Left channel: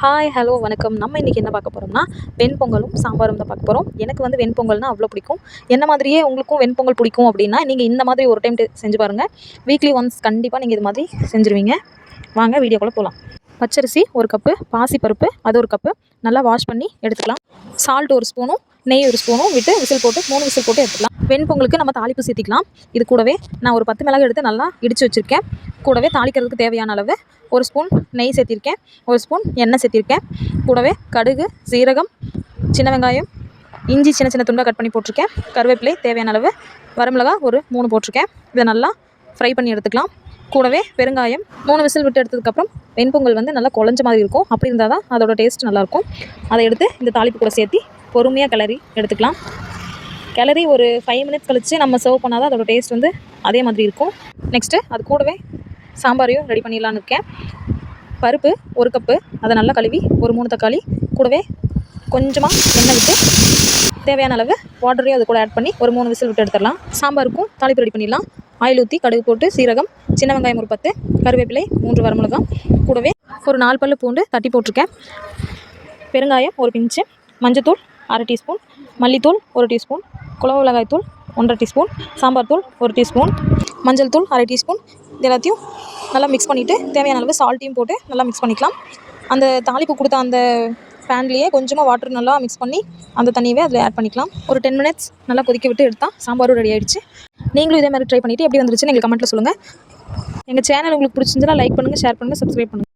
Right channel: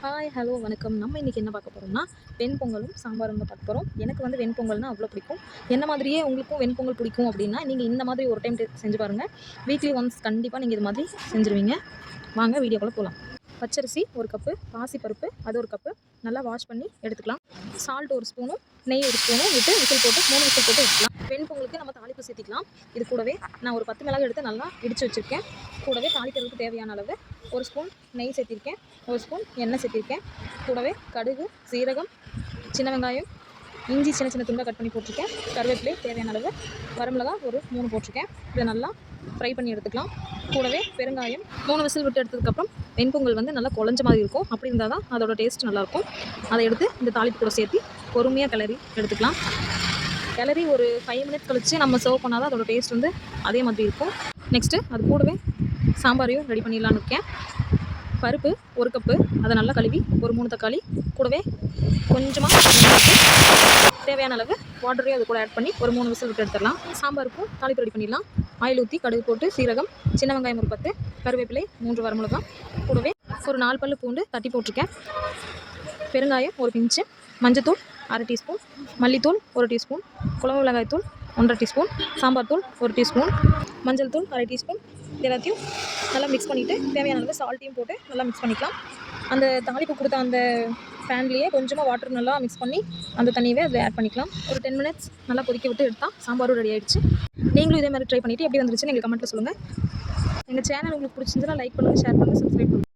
Hi hello வணக்கம். நம்ம இன்றைக்கி என்ன பார்க்க போகிறோம்னா வெண்பொங்கலும் சாம்பாரும் தான் பார்க்க போகிறோம் எனக்கு வந்து வெண்பொங்கல்னால் அவ்வளோ பிடிக்கும். என்ன மாதிரியே உங்களுக்கும் வெண்பொங்கல் பிடிக்கும் அப்படின்னா நீங்கள் இந்த மாதிரி ஒரு டைம் செஞ்சு பாருங்கள் வீக்லி ஒன்ஸ் கண்டிப்பாக நீங்கள் இது மாதிரி செஞ்சுருவீங்க. வாங்க வீடியோக்குள்ளே போகலாம் பச்சரிசி ஒரு கப்பு பாசிப்பருப்பு அது ஒரு கப்பு நல்லா வாஷ் பண்ணி எடுத்துக்கலாம். சால்ட் ஒரு ஸ்பூனும் நெய் ஒரு ஸ்பூனும் விட்டு விசில் போட்டு மூணு விசில் போட்டு எடுத்துக்கலாம். வெண்பொங்கலுக்கு நம்ம தாளிப்பு சேர்த்திக்கலாம். இது கூடவே நான் ஒரு பத்து மிளகு எடுத்து நல்லா இடித்து வச்சுருக்கேன். கூடவே தாளிக்கிறதுக்கு தேவையான அளவு ஒரு ஸ்பூன் நெய் சேர்த்திருக்கேன் ஒரு ஸ்பூன் எண்ணெய் சேர்த்திருக்கேன். கூடவே கடுகு சீரகம் சின்ன வெங்காயம் இஞ்சி சின்ன சின்ன துண்டாக கட் பண்ணி போட்டிருக்கேன். கருவேப்பிலை தேவையான அளவு வரமிளகா ஒரு மூணு போட்டிருக்கேன். இதை நல்லா ஃப்ரை பண்ணி எடுத்துக்கலாம். கூடவே பெருங்காயம் மூணு விசில் விட்டு எடுத்ததுக்கப்புறம் வெண்பொங்கல் வந்து நல்லா குழஞ்ச மாதிரி இருக்கும். அப்படி இருந்தால் தான் அதோட டேஸ்ட் நல்லாயிருக்கும். அதை எடுத்து இந்த தாளிப்பு கூட சேர்த்து பொறுமையாக கிளறி எடுத்துக்கலாம். கிளறி ஒரு ஃபைவ் மினிட்ஸ் கழித்து நம்ம சர்வ் பண்ணால் தான் அதோட டேஸ்ட் வந்து அதே மாதிரி இருக்கும். நெக்ஸ்ட்டு அது கூடவே சாம்பாரையும் ரெடி பண்ணிடலான்னு இருக்கேன். பருப்பு ஒரு கப்பு அதை நல்லா கழுவி ஒரு மூணு தக்காளி கூடவே கொஞ்சமாக எண்ணெய் விட்டு தேவையான அளவு வாட்டரையும் அது கூட ஆட் பண்ணி ஒரு மூணு விசில் விட்டு எடுத்துடலாம். சாம்பாருக்கும் தாளிப்பு ரெடி பண்ணிடலாம். ஆயில் ஊற்றி கடுகு போட்டு சீரகம் சின்ன வெங்காயம் ஒரு பத்து கருவேப்பிலை மூன்று வரமிளகாம் கூடவே ஒரு நாலு பல்லு பூண்டு தட்டி போட்டிருக்கேன். பெருங்காயம் ஒரு பிஞ்சு மஞ்சத்தூள் அரை டீஸ்பூன் மல்லித்தூள் ஒரு டீஸ்பூன் குழம்பு மிளகாய் தூள் ஒன்றரை டீஸ்பூன் சாம்பார் தூள் ஒரு டீஸ்பூன் மஞ்சள் தூள் அரை டீஸ்பூன். இது எல்லாத்தையும் நல்லா மிக்ஸ் பண்ணிவிட்டு தேவையான அளவு சால்ட்டையும் போட்டு நல்லா மிக்ஸ் பண்ணிக்கலாம். அந்த தாளிப்பு கொடுத்த அந்த பேன்லேயே கொஞ்சமாக வாட்டர் நல்லா மிக்ஸ் பண்ணி அந்த தண்ணியவே அதில் ஆட் பண்ணிக்கலாம். ஒரு டென் மினிட்ஸ் நல்லா கொதிக்க விட்டு எடுத்தால் சாம்பாரும் ரெடி ஆகிடுச்சு நீங்களும் இதே மாதிரி ட்ரை பண்ணிவிட்டு எப்படி வந்துருச்சுன்னு எங்களுக்கு கமெண்ட்டில் சொல்லுங்கள் எங்கள் சேனல் உங்களுக்கு பிடிச்சிருந்துன்னா லைக் பண்ணுங்கள் ஷேர் பண்ணுங்கள் சப்ஸ்கிரைப் பண்ணுங்கள்